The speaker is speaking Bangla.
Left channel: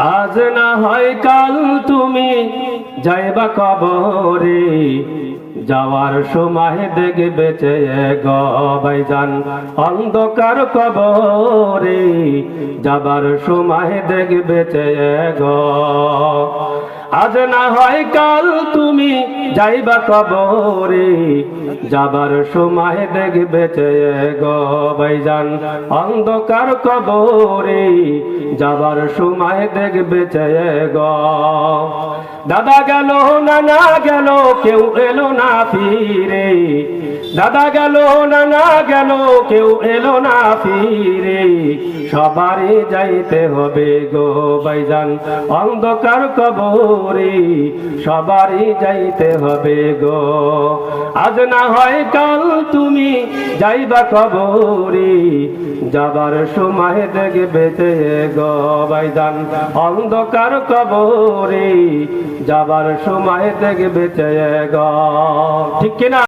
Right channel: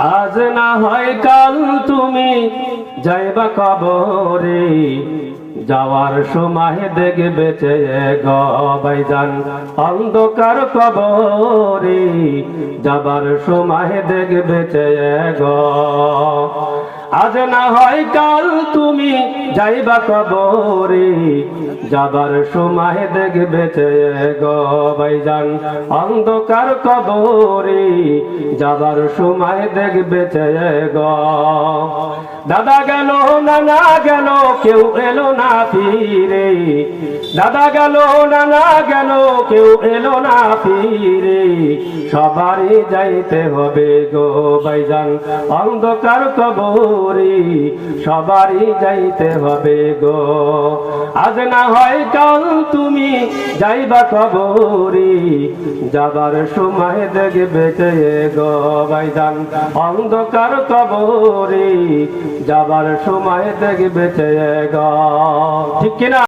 আজ না হয় কাল তুমি যাইবা কবরে, যাওয়ার সময় দেখবে চেয়ে গো ভাইজান অন্ধকার কবরে, যাবার সময় দেখবে চেয়ে গো। আজ না হয় কাল তুমি যাইবা কবরে, যাবার সময় দেখবে চেয়ে গো ভাইজান অন্ধকার কবরে, যাবার সময় দেখবে চেয়ে গো। দাদা গেল নানা গেল কেউ এলো না ফিরে, দাদা গেল নানা গেল কেউ এলো না ফিরে, সবারই যাইতে হবে গো ভাইজান অন্ধকার কবরে, সবারই যাইতে হবে গো। আজ না হয় কাল তুমি যাইবা কবরে, যাবার সময় দেখবে চেয়ে গো ভাইজান অন্ধকার কবরে, যাবার সময় দেখবে চেয়ে গো। ঠিক কিনা?